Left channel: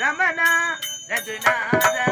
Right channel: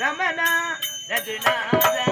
ரமணா ரகுநாதா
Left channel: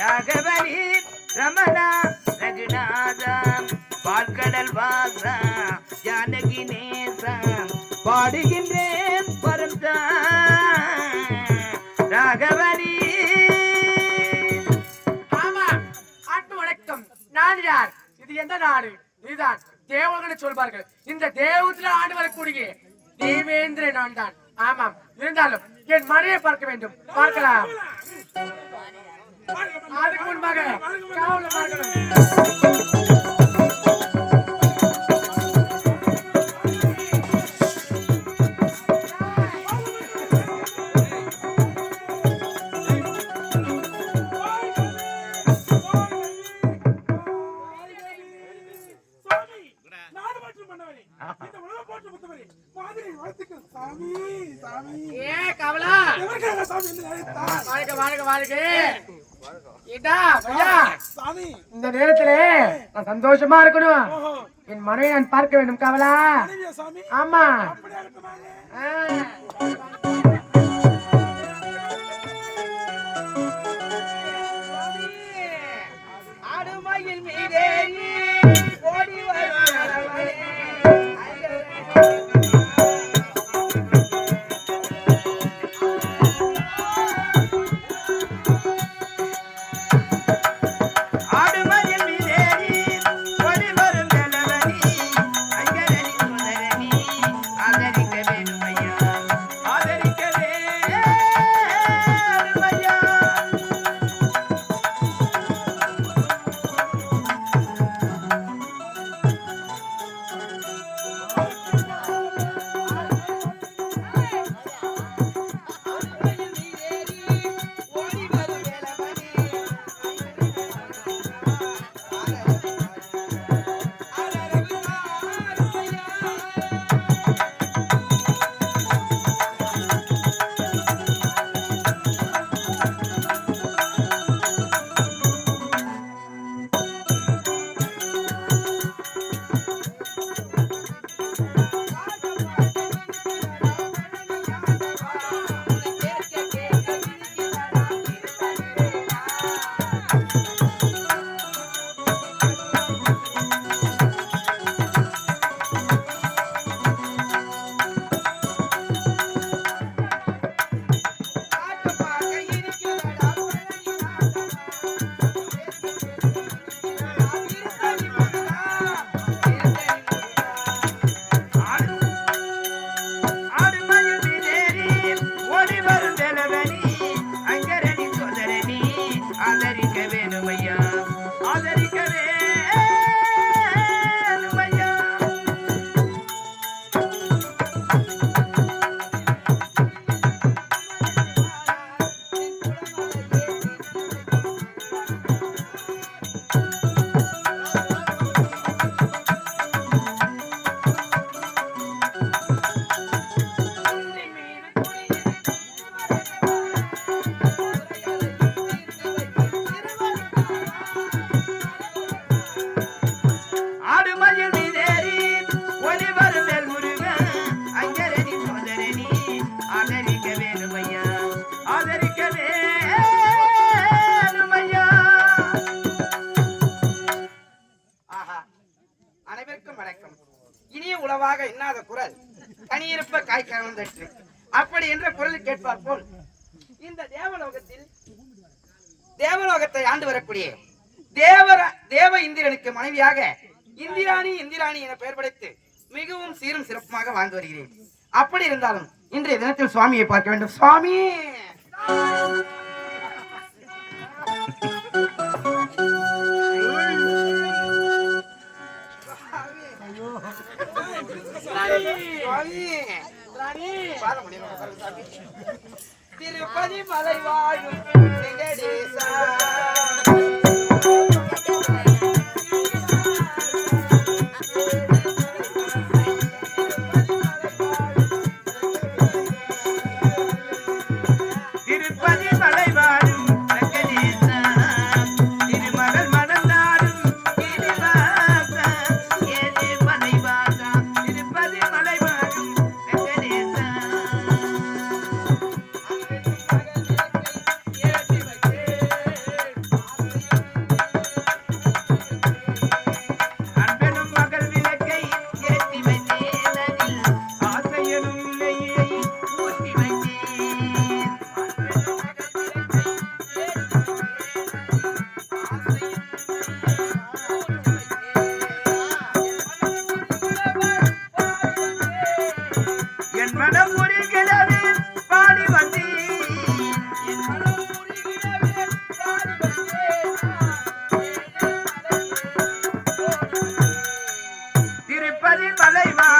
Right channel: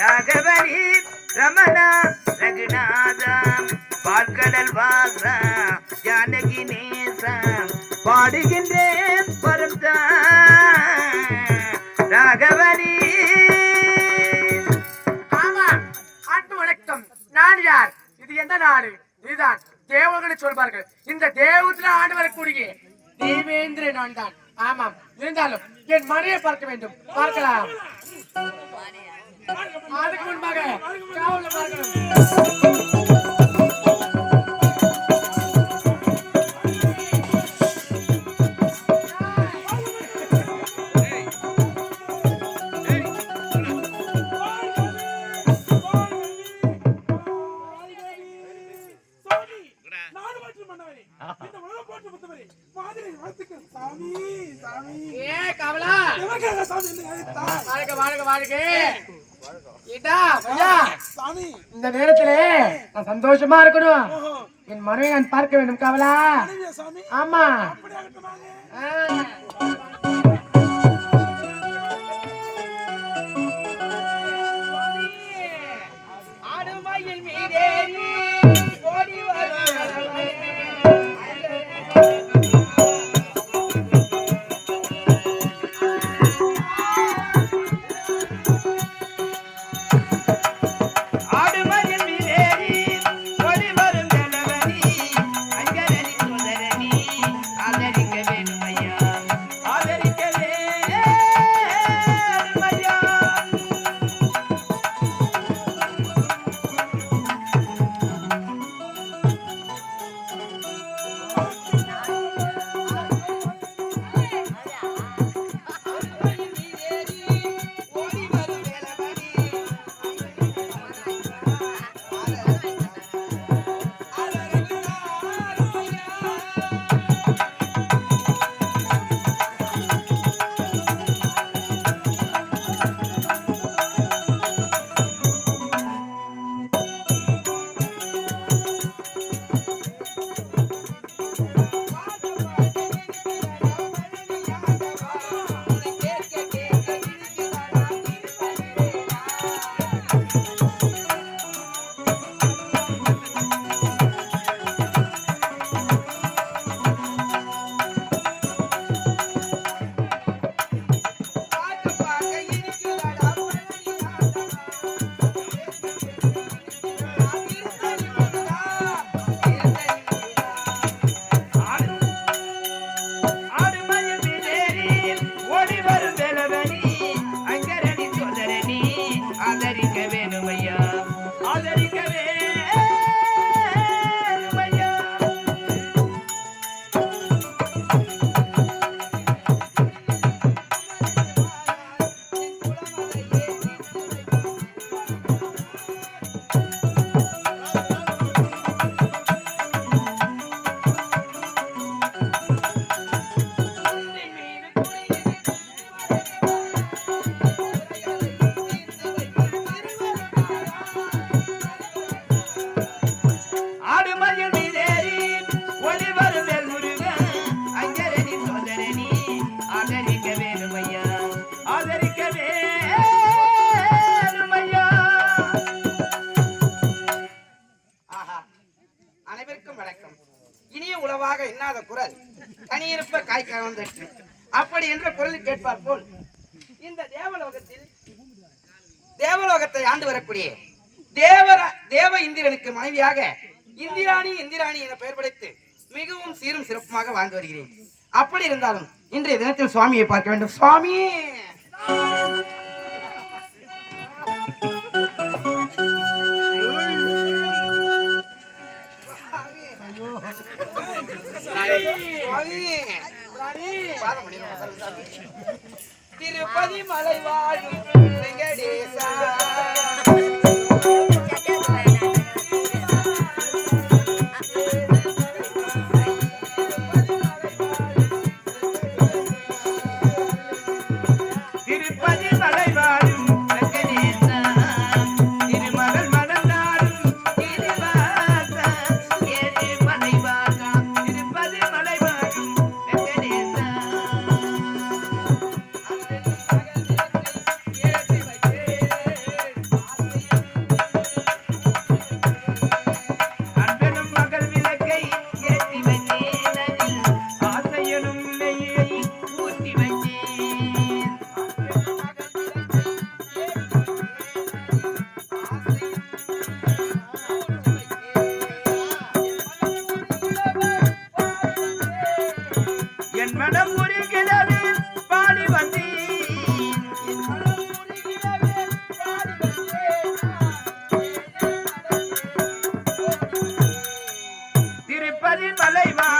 ராகவரி ரமணா ரகுநாதா பால்கடல் வாசா ஜானகி நேசா பாடுகின்றேன் பரந்தா ராகவரி ஆமாம் அன்பு வணக்கம். நான் யார்? இது எந்த நாடு? இதுதான் தேவர்களை சொல்வார்கள். இந்த தேவத்தில் ஆண்டு வரக்கூடிய தேவேந்திர நான் தான் ஆமாம் இருந்தாலும் என் மனையை பார்க்க வேண்டும். பார்க்கலாம். அதுக்கு முன்பாக. காவல பார்க்கணும் சுத்தமா இருக்கணும்? என் மனைவி நான் பார்க்க வேண்டும் கவலா? ஆமா. கனியிருப்ப காய்க்க வந்துட்டு அப்படி என்ற குரல் கேட்பார் போல் இந்த தேவலோகத்தில் தேவலோகத்தை ஆண்டு வரக்கூடிய தேவர தேவ இந்திரனுக்கு மனைவியாக இந்திராணி இந்திராணி என பெயர் படைத்து மிகவும் சீரும் சிறப்புமாக வாழ்ந்து வருகிறேன். அப்படி இருந்தாலும் இன்றைய தினத்தில் சுவாமியை பார்க்க வேண்டும். சுவாமி! திருப்பதி மலை வாழும் வெங்கடேசா. தலைவா.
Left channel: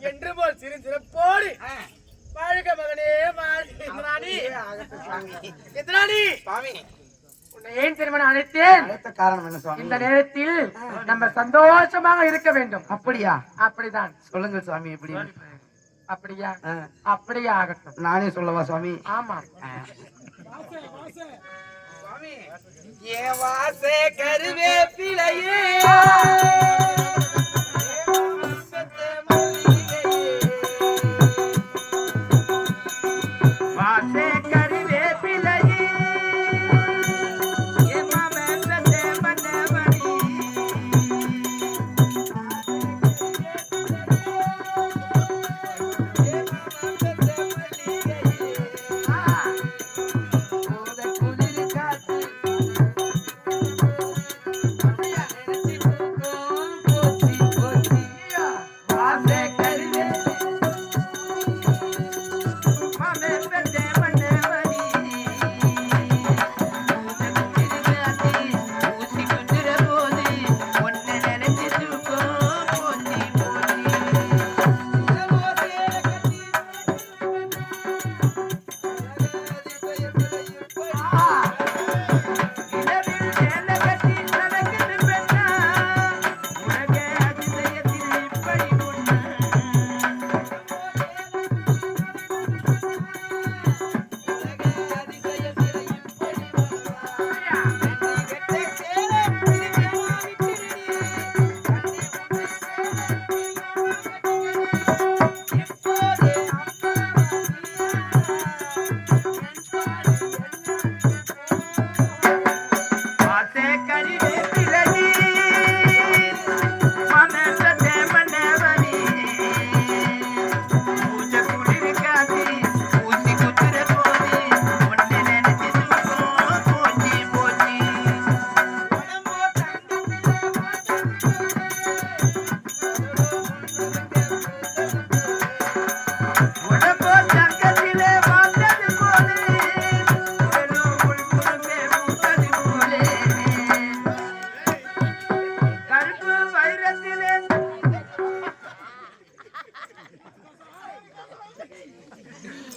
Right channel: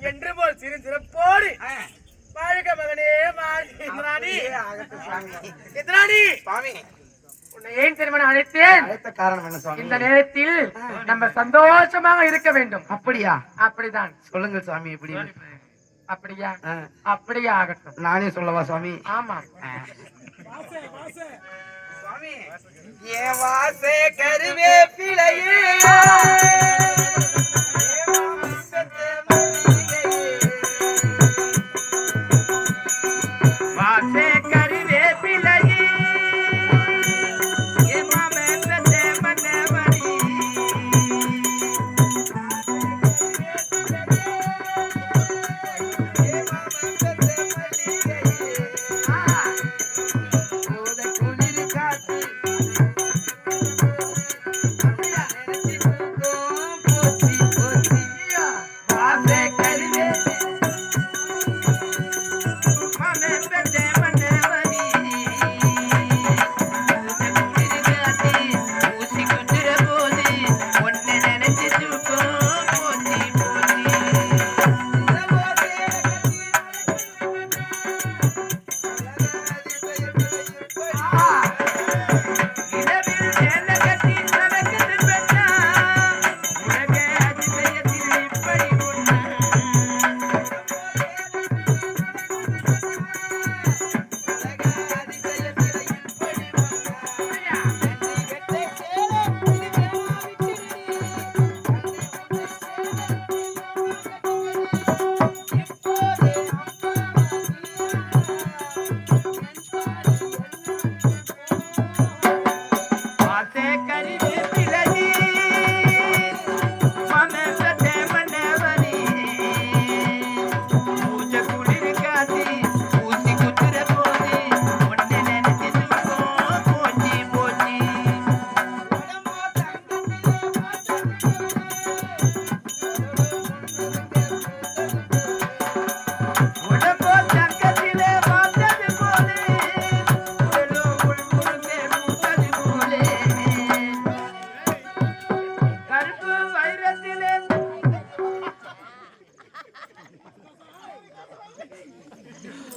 என்று போல் சிறு சிறப்போடு. ஆ, வாழ்க மகனே ஆகட்டும் சுவாமி. உன்னை ஏன் திருமணம் அழைத்தேன்? அழைத்த காரணம் என்ன சுவாமி? இந்த நேரத்தில் நம்ம சந்தோஷமாக இருக்க வேண்டும். அப்படியா? அப்படிதான். சொல்லுங்க சுவாமி எப்படி? அப்படியா? அப்படியே ஆகட்டும். நானே சொல்லவா சுவாமி? ஆமா. சுவாமி ஏ வாசே கருவேப்பிலையே. வாசே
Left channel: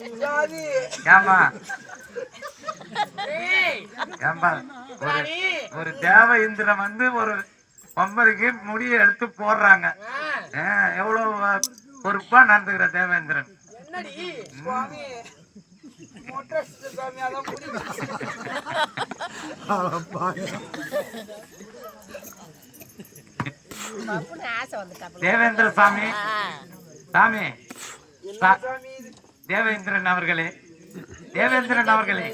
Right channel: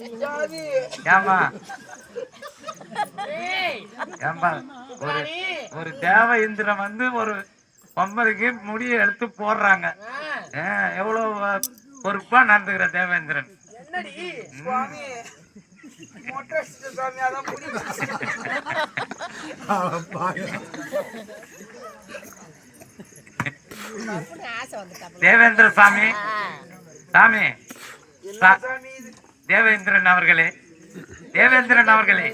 ஏமா ஏய், ஏம்பா ஒரு. ஒரு தேவ இந்திரன் வந்து ஒரு பொம்மருக்கு முடியை எடுத்து போடுறாங்க. எவ்வளவு பொறுப்பா நடந்துக்கிற தேவேந்திரன் தேவேந்திர சாமி. சாமி தேவேந்திரன் அவர்களே தேவேந்திரன் அவர்களே.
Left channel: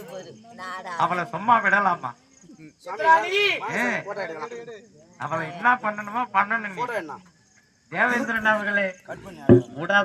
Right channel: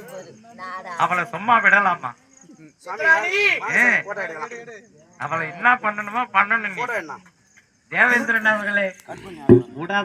அவளை சும்மா விடலாமா? அவளை என்ன பண்ணணுமோ பண்ணணும் தேவேந்திரன் அவர்களே விடாத.